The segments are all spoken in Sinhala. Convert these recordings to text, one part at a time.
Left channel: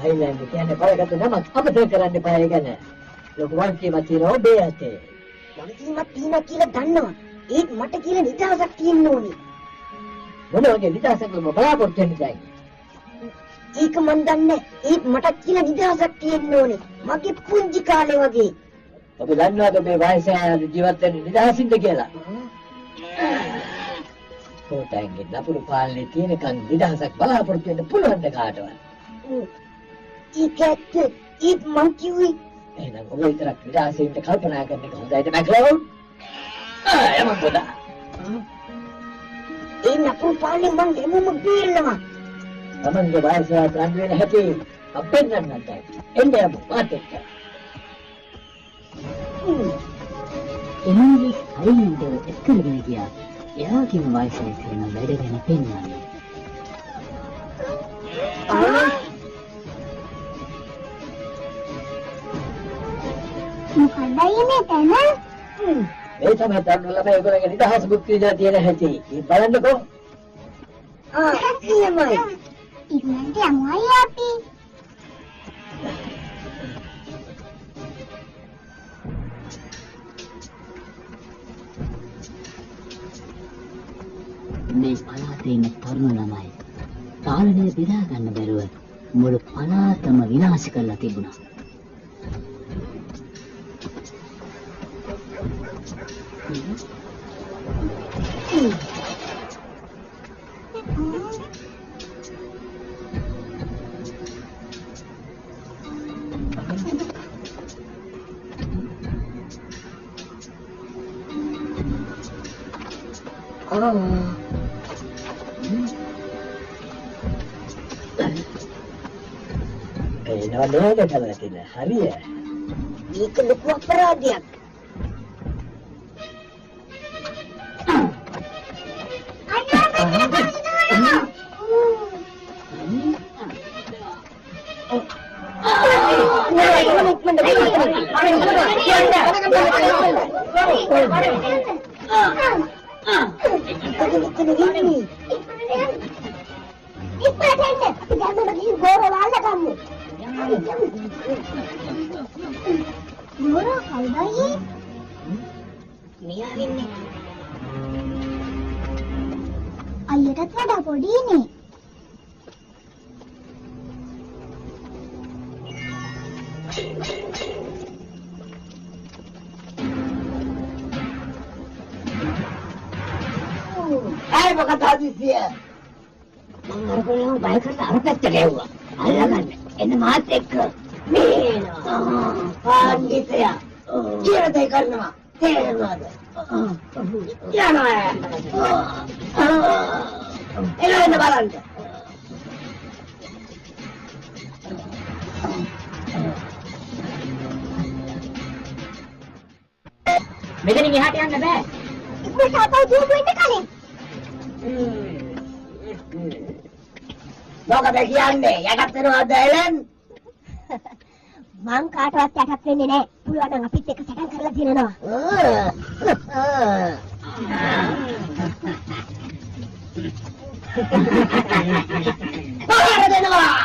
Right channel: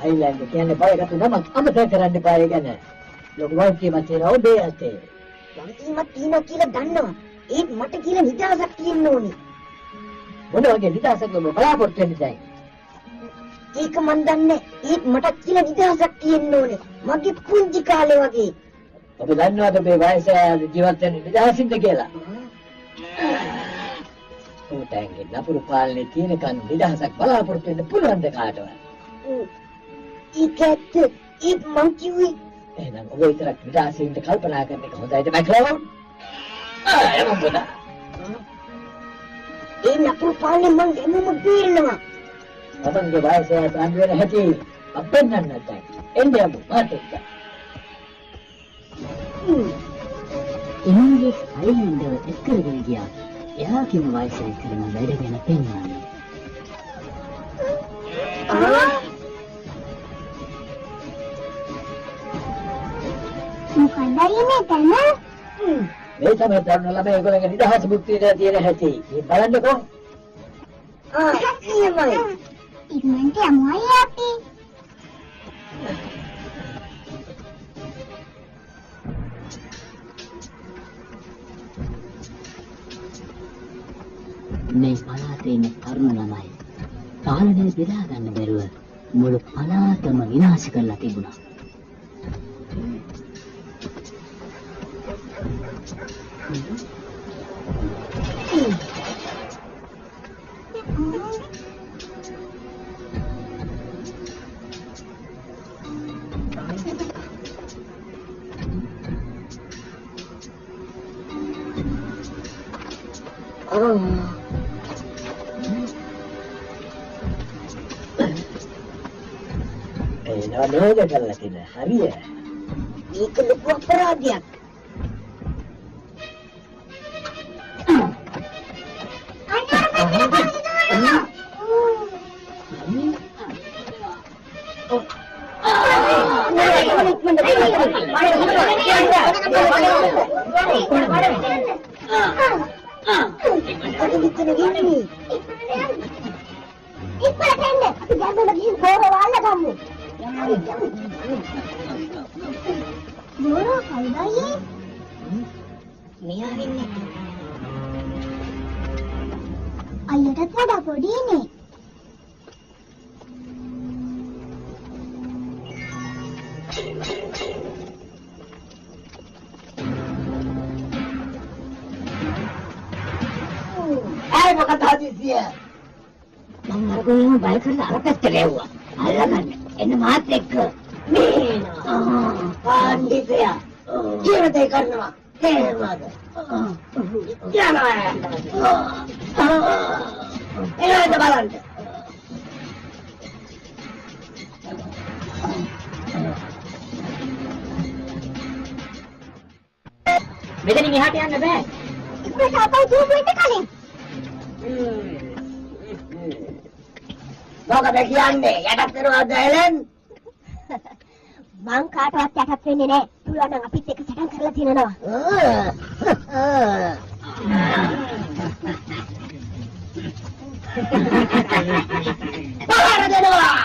Highland කියන්නේ බයකට නමක් අමතක කරන්න එපා ගැන. ලොකු වල්කීමක් තියෙනවා ඔබේ අතේ. වල්කීමක් තියෙනවා කියලා දන්නවා. ඒත් මට කියලා නිදහසක් තියෙන්න ඕනේ. මොන වගේ නිදහසක්ද ඔබ බලාපොරොත්තු වෙන්නේ? ඒක මන් දන්නේ. ඒත් මට කියලා නිදහසක් තියෙන්න ඕනේ. මගේ පුංචි කාලේ වගේ. ඔබ දන්නවද ඔබේ වයසේ ජීවත් වෙන්න නිදහසින්ද කියලා? කොටෙන්ගේ නපුරු පාලනේ තියෙනකන් නිදහසක් බලාපොරොත්තු වෙන්න පුළුවන් ද කාටවත්? ඒත් මං කිව්වේ එහෙනම් ඔබ විතරක් නිදහසින්ද කල්පනා කරන එක හොඳයිද මැක්ලෝන්? යමන් පොඩා. ඒ නපුරු පාලනේ මං එමුම බේරනවා. තමන්ගේ වයසේ අඳ වෙන හැටි අපෙන් නන්නත් එන්නේ මාත් එක්ක. එමන්ගේ ස්ටයිල්ද එක්කගෙන ගියා. එයා කියන වයසේ කරන වැඩ ගැන පෙන්නනවා. මොකක්ද මේ මේ තමයි ගන්න ළමයි ඔයගොල්ලන්ගේ නිදහස බුද්ධිය තියෙන හැටි. මේ බලන්නකෝ. එහෙමයි. ඉක්මනට යමුයි අපි. මේ පළාතේ ඉන්න තරුණ ළමයි පාලනය බෙදා ගන්න බැරුව මුළු පළාතම විනාශ කරලා තිබුණා. නෝද කරලා තියෙන හරිය. ඒක ලොකු අපරාධයක්. Dora kawdai? Miya වෙන්නේ. අයියටත් වඩා පොඩිනේ. Ay, මොකද හදිසිය? මම අරගෙන බය කරලා අර පැත්තට එව්වා. අල්ලගන්න. එන්න මාත් එක්ක. පේනවා. පාන්දිතයා. කියන දේ කරනවා. තේරෙනවද? යනවා. එන්න බලන්න. මෙතනින් එහාට යන්න බෑ. ඉක්මනට අපා ජූම් වෙන්න කලින්. මොකද කියන්නේ? යටත් වෙනවද එලෙන්? මං කාටවත් යටත් වෙන්නේ නැහැ. පුළුවන් නම් අපිත් එක්ක සටන් කරලා දිනනවා. පවර දෙනවා.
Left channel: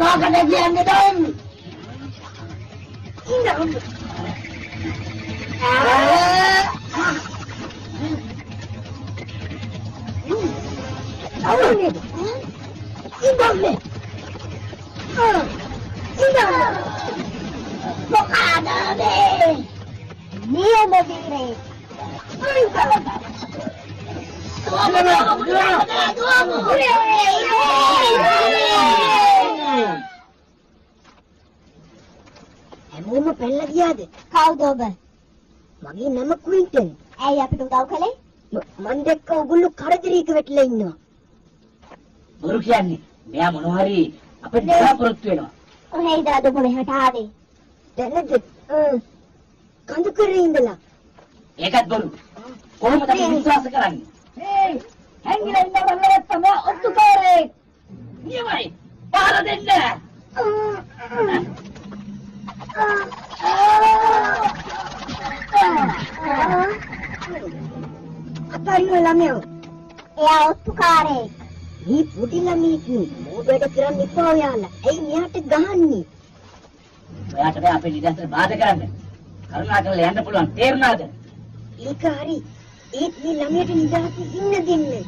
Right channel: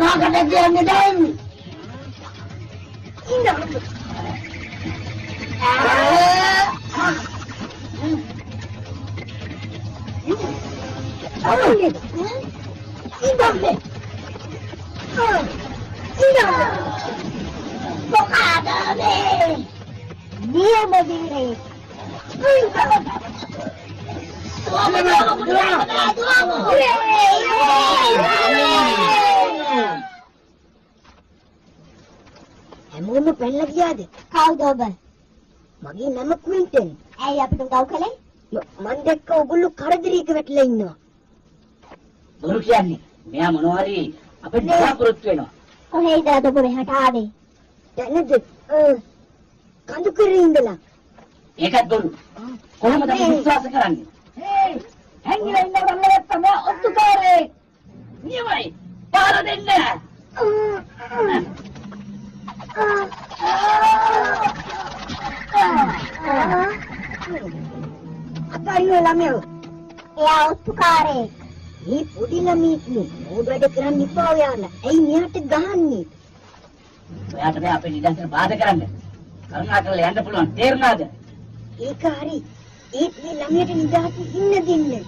Makan lagi anda dan. Indah. Indah ni. Indah. Bokada ni. Dia begini. හැමෝම පැනලා ගියාද? කවුද ඔබ? මගේ නම ක්වින්ටන්. ඇයි අපිට උදව් කළේ? මන් දැක්ක ඔයගොල්ලෝ කරදරයක වැටලා ඉන්නවා. බොරු කියන්නේ මෙයා මොනවා හරි අපිට බලාපොරොත්තු වෙනවා. කොහේද අද ඔබ මෙහාට ආවේ? දැනද? කඳු කරේ ඉඳලා. ඒකත් බොරු. කොහොමද අපි විශ්වාස කරන්නේ? හේ හැංගිලා ඉන්න ගමනට තමයි ඔත්තු කරේ. නියමයි. පාර දෙන්න. අපරිය ළමයෝ. එයා ඔත්තුකාරේ. මේ පොඩි ළමයෙක් මොඩ කරන්නේ ඉපා ඔයාලා. ඇයි මෙයාට ගහන්නේ? ඔයාට බෑ අපේ නිදහසට බාධා කරන්න. කරුණා කරලා යන්න පුළුවන්. තේරුණාද? ඒක හරි. ඒත් මේ ළමයට නිදහස ඉන්න දෙන්නේ.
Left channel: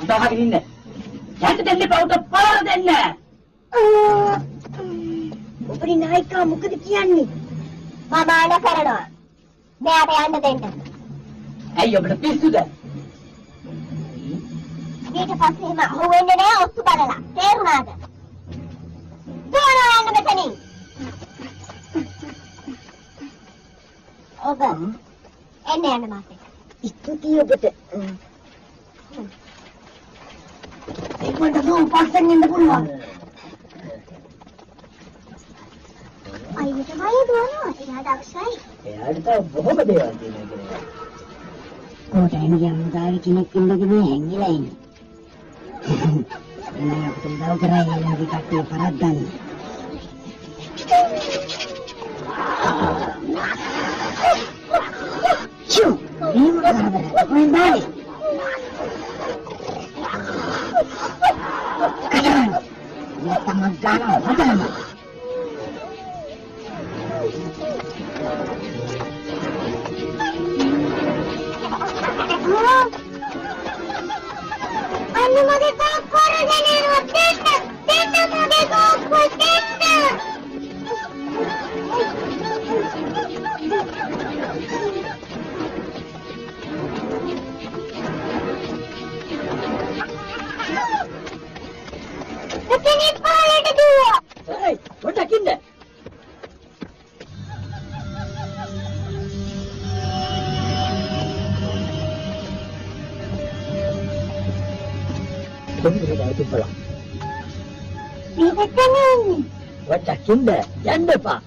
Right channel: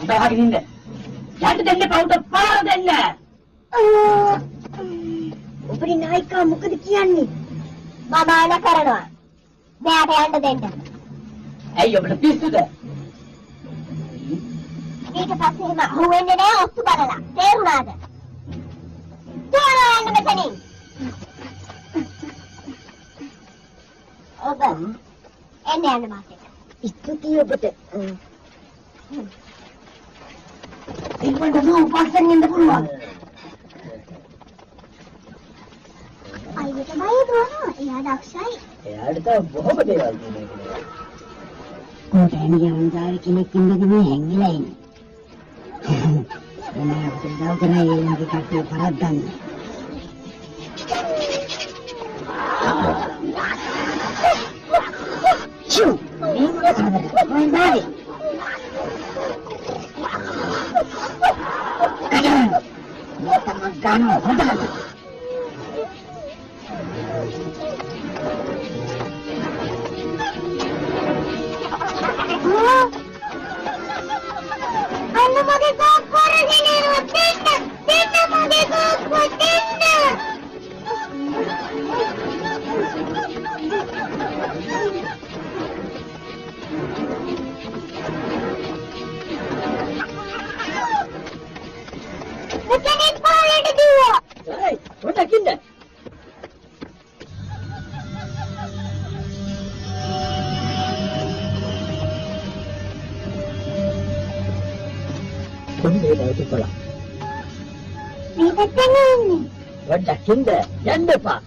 අඳාගෙන ඉන්න. යන්න දෙන්න පවුට පාර දෙන්න. ඔබේ නායිකා මොකද කියන්නේ? මම ආන කරනවා. මෙයාට යන්න දෙන්න. ඇයි ඔබට පිස්සුද? ඊට පස්සේ එහෙම හුවෙන්නේ නෑ ඔත්තු බලලා. තේරුණාද? තෝරා යන්න මෙතනින්. ඔබ එන්න යන්න මාත් එක්ක. ඉක්කටි ඔබට. ඉක්මනට දුව පස්සෙන් ඉන්න පුළුවන්. අයියට බය දුවනවා. එයා දක්ෂයි. එයාට තව බොහොම දේවල් තියෙනවා. කොට එන්නේ අන්දාරි කෙනෙක් ඉන්නකනේ හැංගිලා ඉන්නේ. මම අපිට දව කරා ඊළඟ කට්ටිය පරද්දන්න. චු මේක මොනවාද? මම ගන්නවා හදන්න. අන්න මගේ කෝක් කරගෙන ඉන්න දෙන්න මගේ කෝක් දෙන්න. කෙනෙක් පාලෙට දුවා. ඒයි පොඩක් ඉන්න. කොහේ නේද බලන්න. මේක තමයි. වඩක් ඉන්න යන්න එපා.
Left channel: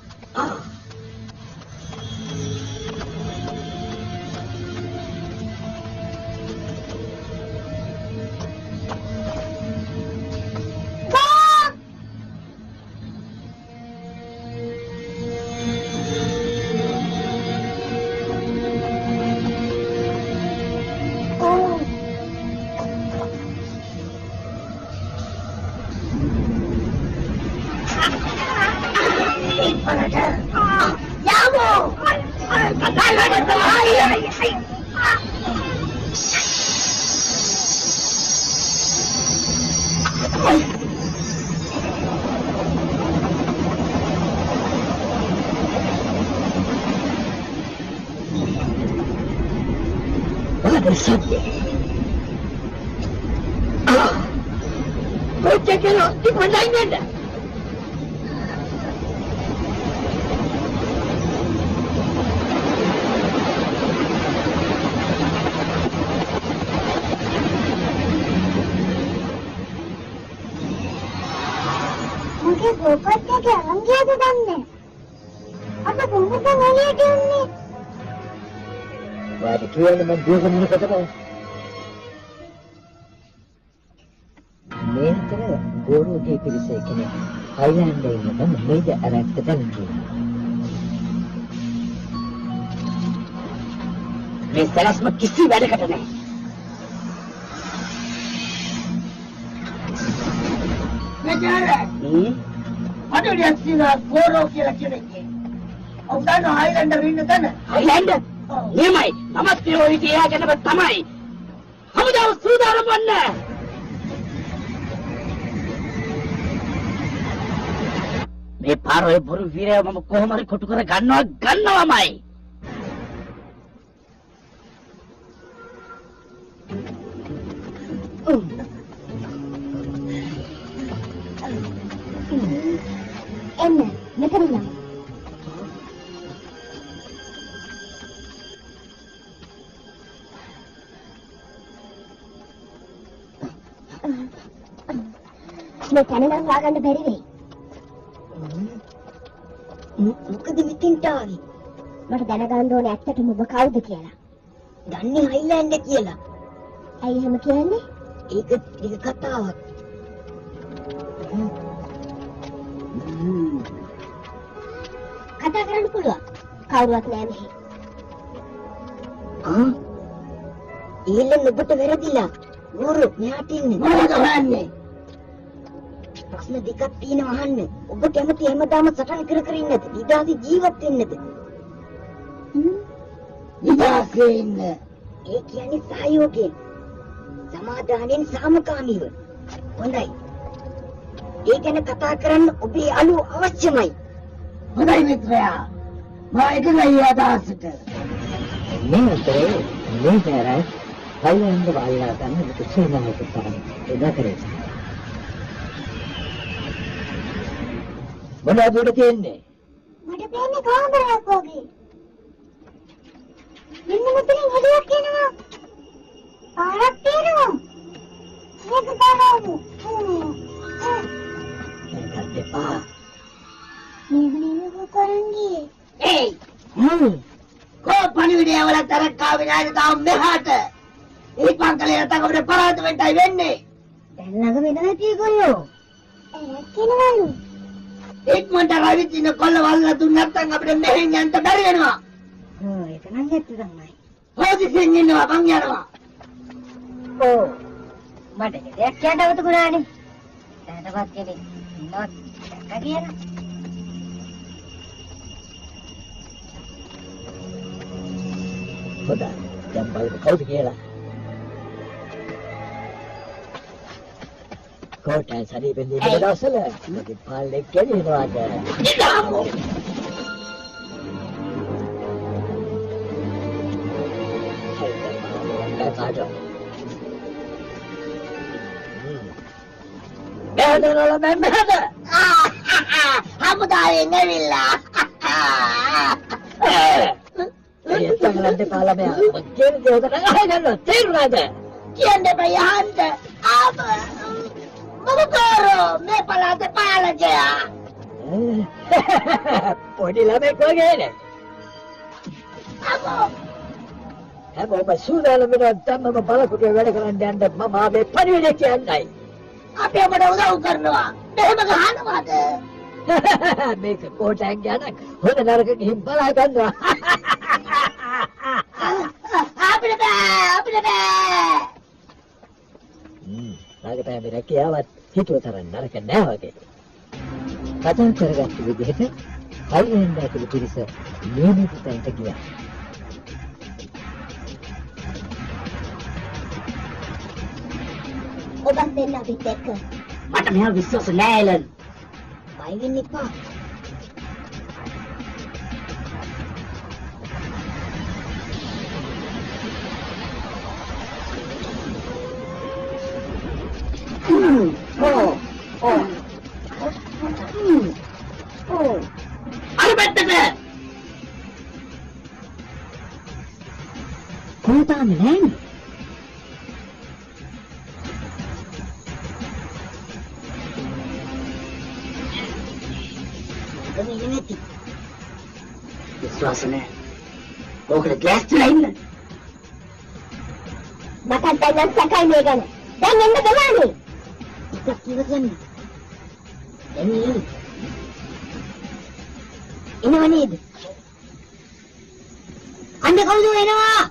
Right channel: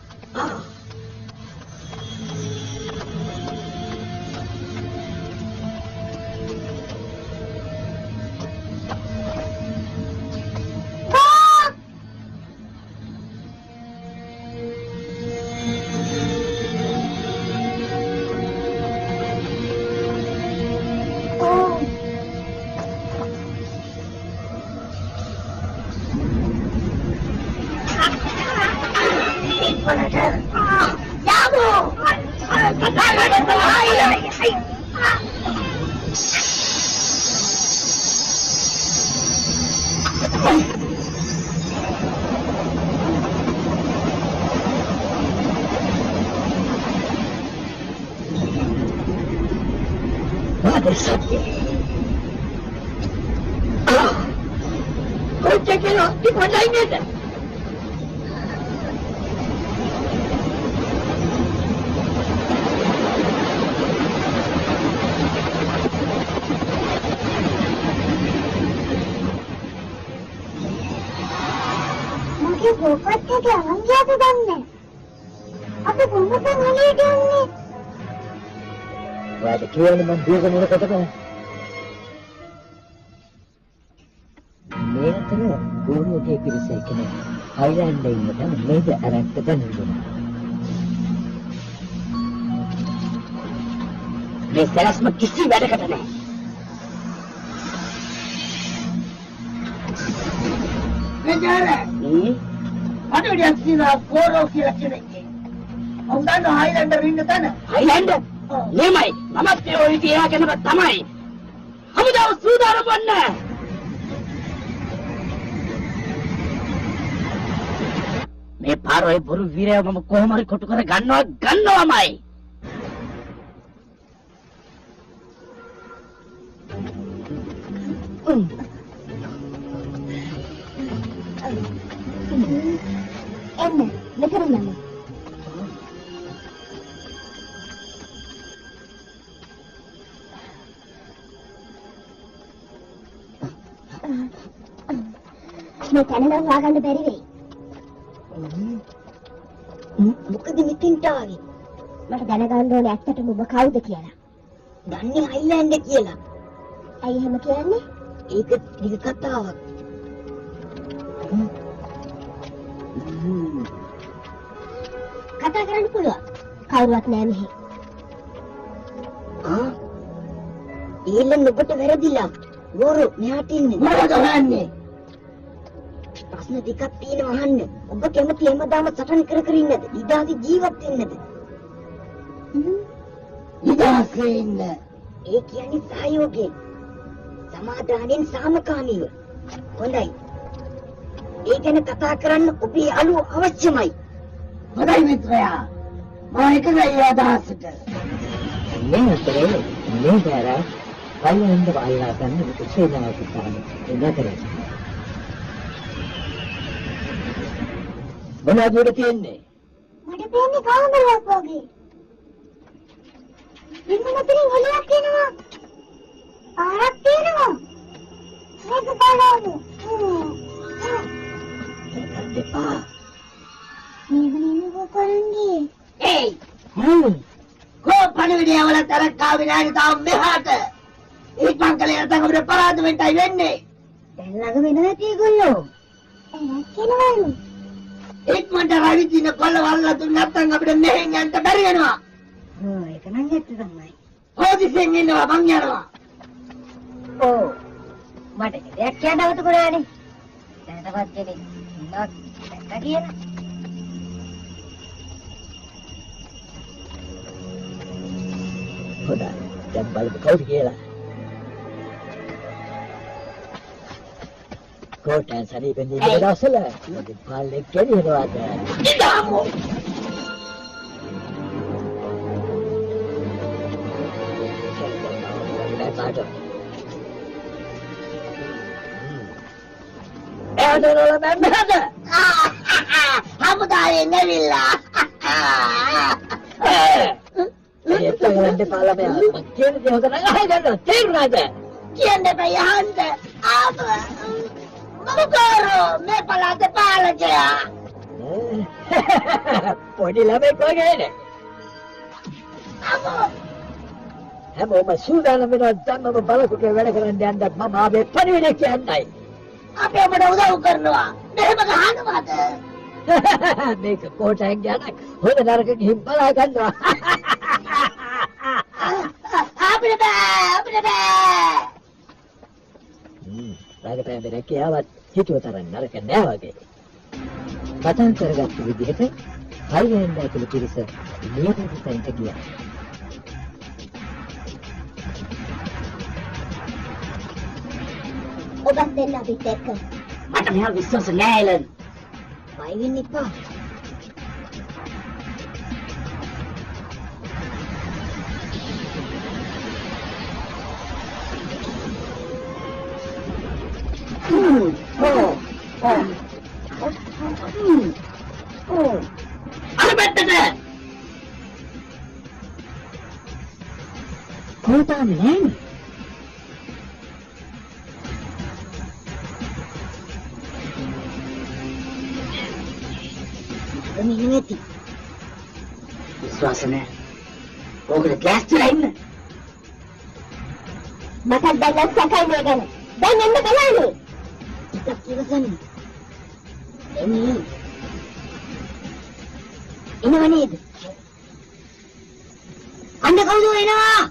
මගේ ගෝපත් එක අරන් ගියද දන්නේ. අප කොහොමද එළියට යන්නේ? ඔයාට කියන්නේ මම දුවගෙන එනකොට තමයි. මේතන බෝරුගේ පිරිස කෙනෙක් හයිලන්ඩ් එකේ ඉන්න මේක අරක්ට ගන්නවා. මේ සරස්ම කිසි වැඩකට නෑ. बेचारा අඩවියක් කියලා ගෝරෝ කියලා කෙනෙක්. ඔව්දාන හයිලන්ඩර් ඉන්න තැන. හයිලන්ඩ්? නියමයි. මමත් ඒ ඔය විදිහටම තමයි. හමුදාව සූදානම් වන්න. මේ පාරේ බොරු වීරයා මම කොහොම හරි කොටු කර ගන්නවමයි. එන්න මෙතන යන්න. මේ තැන නම් හොයාගන්න බැරි වෙයි. මොකද මෙතෙන්ට ආවේ? මට දැනගන්න ඕනේ ඇත්තටම ඔබ කවුද කියලා. දන්නේ හයිලන්ඩ් කියලා. ඇයි එහෙම කියන්නේ? ඒක කතාවක්. කතා කරන්න පුළුවන්. කවුරුවත් නෑ මෙහෙ. ඊළඟ ඔබට වැරදිලා. ගෝරෝ මෙහාට ඉන්නේ. මොනවද හොයන්නේ? ප්‍රශ්න දෙකක් තියෙනවා අහන්න. ඔබ කැමති හැමදාම සටන් කර කර ඉන්නද? නිදාසි ජීවත් වෙන්නද? ඉදාසේ ඉන්න. ඒ කියන්නේ සහයෝගයෙන්. සමාදානෙන් සාමකාමීව. හොඳයි. ඒ ගැන කතා කරන්න ඔබේ යාළුවෝ අවශ්‍යමයි. හොඳයි මිත්‍රයා. මම එකයි අදහසට. මේ අතරේ මේ බෑරයි හයිලන්ඩ් වහලා ගන්න එක සේනාවක් තමයි. ඒක කරේ. මොනවද කියන්නේ? මට පේන්නේ කාමරයක් වගේ. මෙන්න මෙතන හොලියක් එනවා. පාරක් තියෙනවා. ඒක බලමු. දෙපා. මේ කරන්නේ. ඒයි. කෝ පණිවිඩය වල තරක්කා විනාඩි තාම මෙහාට. ඒ පංකලේ නැතක අපිට පරාද වෙන්නයි වෙන්නේ. දැන් ළඟ වෙන නැති ඒගොල්ලෝ. ඇයක් කියනවලු. ඉක්මනට රවිදින කොල්ලවල්ලා දුන්න නැත්නම් අපිට මෙහෙන් යන්න බැරි වෙනවා. ඒක නම් ඇත්ත තමයි. හොදිසියෙන් ඉන්නවා මං යනවා. ඔව්. මට ඒක කියන්න අවුතුණානේ. දැනටවත් කෙනෙක් නවත් දැක්ක කියලා. හොඳයි. දැන් බලමු කවුද කියලා. කොටන් සරීපෙන් ඉන්න දවසල මොකද පාලෙක් කෙරෙනවාද? ඉඳාමු. එහදරල මැම්මද? හමුදායේ නෙවිලා. එතනන්ද පාලබෑ. කෙන්ට උදන අහගන්න තේරුණාද? කියන්නේ බය යන්න. ආම. මොකෝ මේ පළාතේ පාලකයා. පොඩි ළමෙක් වගේනේ. අමෝ. හැමෝම සූදානම් වෙන ධම්මම බලකුගේ වැඩ කරන්න යන්න මම ආවේ පරිණේ කියන්නයි. අපි අපට උදව් කරනවා. මෙහෙම ගහනවාද? මේක කොටෙන් යනක් හොඳ නරක ගිහින් බලා ගන්නවා. අපිට බෑ. නාගතයි මෙරේ කියාවත් හිතුව තරම් නරක නෑ වගේ. කතා කරගත්ත විදිහට හයිලෑන්ඩ් ඇතුළු පිරිස නියමිත තැනට ගියා. ඔබත් දෙන්න අපිත් එක්ක. මට මෙහෙම විශ්වාස නෑ එලන්. බය වෙන්න එපා. අර පැත්තට. කොහොමද නෑනේ? නිමිති. විශ්වාස නෑ. ඕකට ගෑස් තියලා ඉන්න. මට දැන් සැකයි මේ ගැන. දැන් එන්න බලන්න. ටිකක් ඉවසන්න. එන්නේ. එනව නේද? අන්න කවුද එනවා?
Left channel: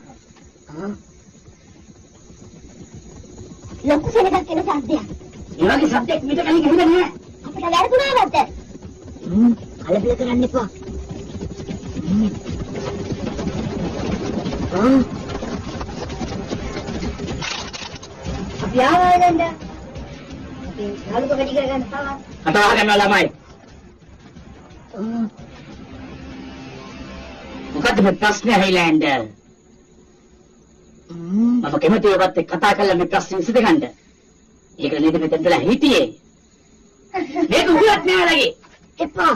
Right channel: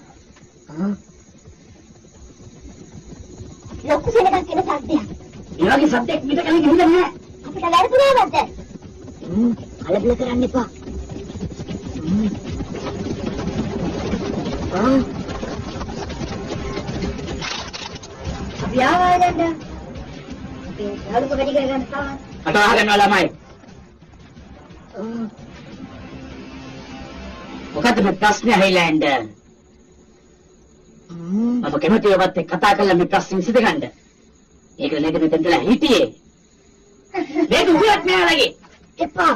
ලොකු සෙනගක් එන සද්දයක්. මේ වගේ සද්දයක් පිට කලින් ඇහිලා නෑ. අපිට වැරදුනා නැද්ද? කලබල කරන්න එපා. අපි ආවා දැන්. අපි යාළුක වැඩි කරගන්න තවත්. කතා කරනවා ළමයි. මොකද මේ ප්‍රශ්නේ හයිලෑන්ඩ්? මම කැමතියි ඔබත් එක්ක කතා කරලා මේ ප්‍රශ්නේ විසඳගන්න. ඒක නේද මෙතනදලා හිටියේ. මේක උගත් නෑලගේ. එපා.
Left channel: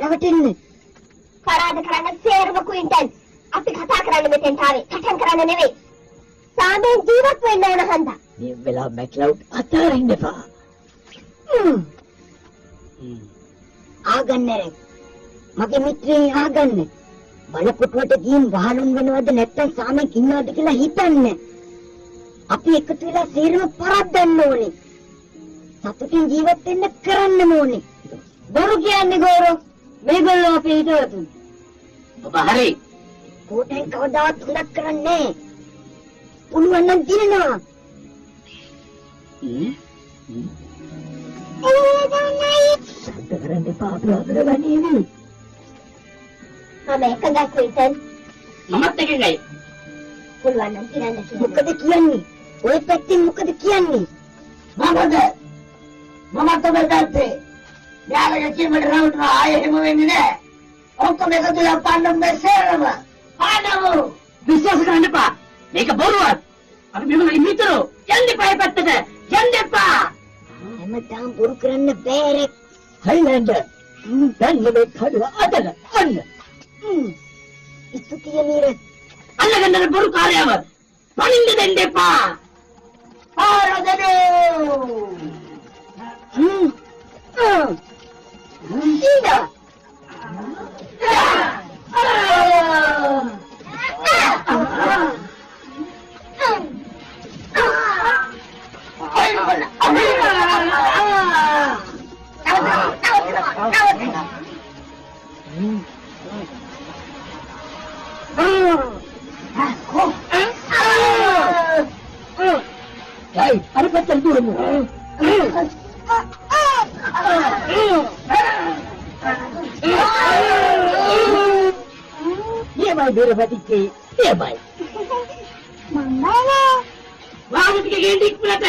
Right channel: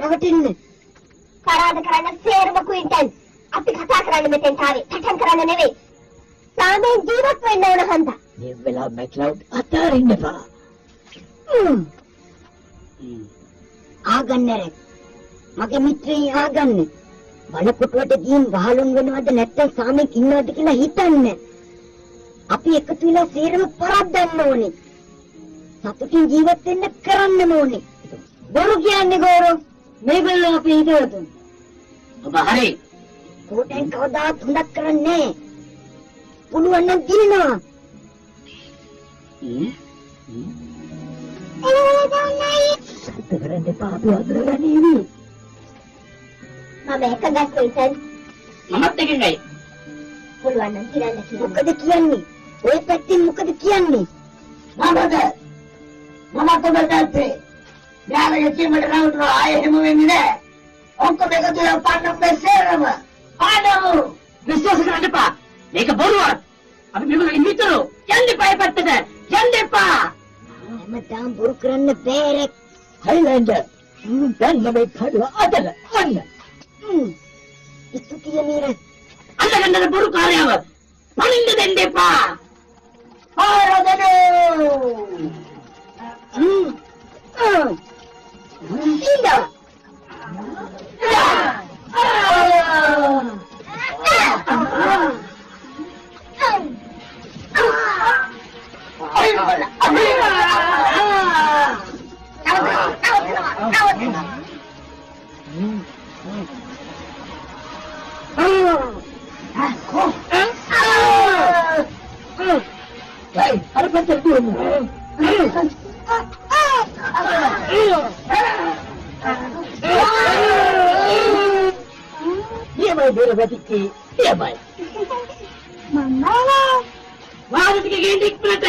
රවටෙන්න. තරහද කරන්න සේරම ක්වින්ටල්. අපි කතා කරන්නේ මෙතෙන් ආවේ. සැකම් කරන්න නෙවෙයි. සාමයෙන් ජීවත් වෙන්න ඕන හන්දා. මේ වෙලාව මැක්ලවුඩ් අතාරින්න එපා. ආගන්න රැ. මගේ මිත්‍රේ ආගන්න. බලපොටුවට ගිහින් වහලුන් වෙනවද නැත්නම් සාමෙක් ඉන්නවද කියලා හිතන්නේ. අපි එකතු වෙලා සේරම පරද්දන්න ඕනේ. සතුටින් ජීවත් වෙන්න කරන්න ඕනේ. බොරු කියන්නේ ගෝරෝ. මේගොල්ලෝ අපේ හිතවතුන්. ඔබ හරි. කොටෙන් කවදාවත් හොඳක් කරන්නේ නැහැ. පුළුවන් නම් දිනනවා. සද්ද කරන්න එපා. අපි අතර වැඩිවි. මම එකදා ක්වින්ටල් මමත් එකඟයි. පුළුවන් නම් කියන්න කියලා. මොකද කියන්නේ? ඔය පැත්තෙන් මොකද කියන්නේ? මමත් ඔබ පැත්තේ. යාළුවෝ කීමල රවට්ටුව ආයෙ හිම වෙන්නේ නෑ. ඔක්කොම එකතු වෙලා පාන්න මේ සේරම. පාන්නෝ. විශ්වාස කරන්න එපා. මේක බොරුවක්. අපි මේගොල්ලෝ මිතුරෝ. යන්න එපා පැත්තට. යන්න එපා. හැමදාම බොරු කරන්න බෑ රෙක්. හයිලෑන්ඩ්. දැන් මම කඩලා අදලා අන්න. ඉතුතිය නීරේ. අල්ලගන්න බොරු කාර්යව. පණින්න දෙන්න එපා. ආරදනෝ. ඊඩා. අර පැත්තට දුවමු. Yemai berbatikei, yemai. Mama. වාරි ටික ගෙන්න ඉක්මනට.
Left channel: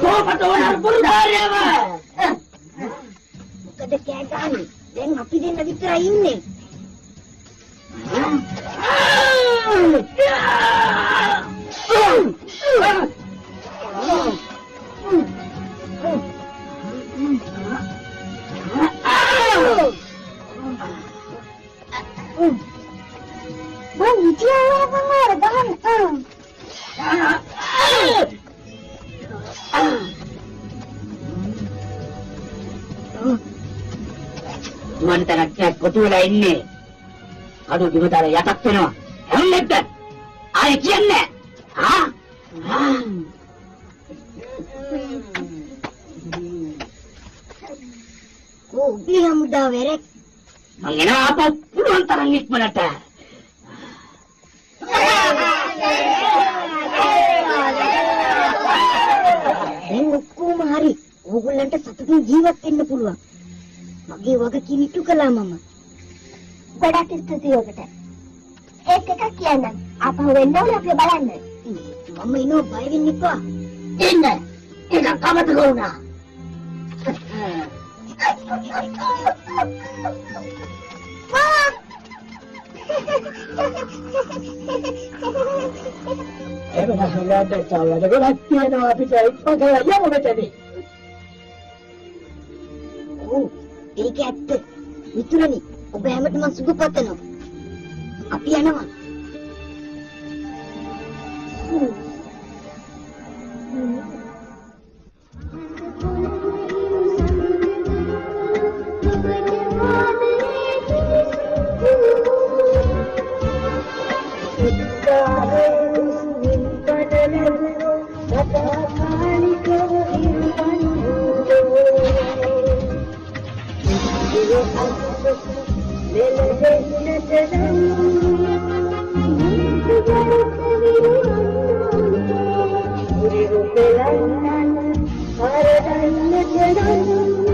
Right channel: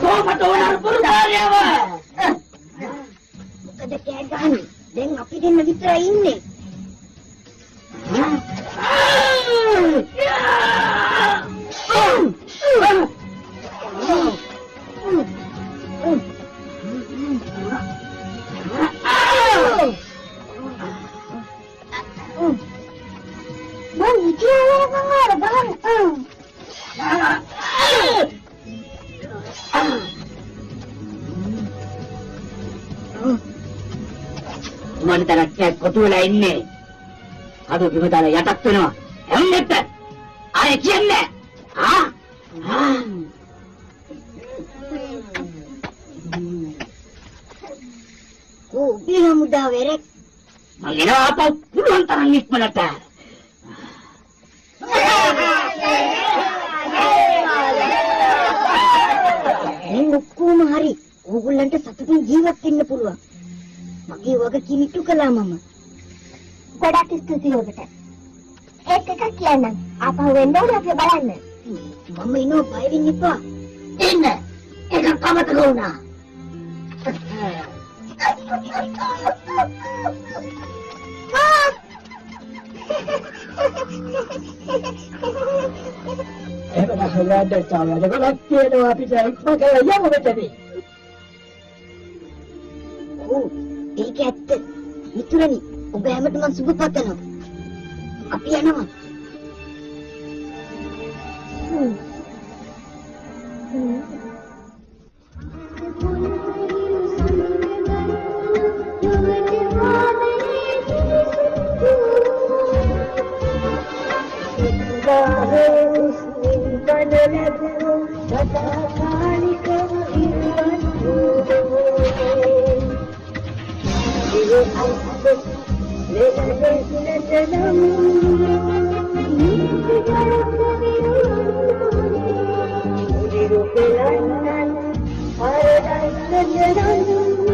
කොහොමද ඔයාලා පුරුදාරියව? මොකද කෑ ගහන්නේ? දැන් අපි දෙන්න විතරයි ඉන්නේ. Mami, dia pengaruh banget. මොන තරක් කොටු වෙලා ඉන්නේ. අද බිම දාලා යටත් වෙනවා. යන්නත් ආයෙ කියන්නේ. Oh, bilang udah werek. මං එනවා අප පුළුවන් තරම් ඉක්මනට. ඕගොල්ලන්ට සතුටින් ජීවත් වෙන්න පුළුවන්. මගේ වගකීම ඉටු කළා මම. ගොඩක් ස්තුතියි ඔබට. ඒත් එකක් කියන්නම්. ආපහු වෙන්න ඕනේ අපි බලන්න. මම එනවා බය වෙන්න එපා. ඉන්න. ඒක කවද ගෝනා. ඒක පහළට තාවද ගොඩක් තියෙනවා අපිට ඉක්මකේ යමු මෙතනදී. ඔව් ඒක ඇත්ත. මිතුරනි ඔබ හැමෝටම මම සුබ පතනවා. අපි යනවා. Thank you.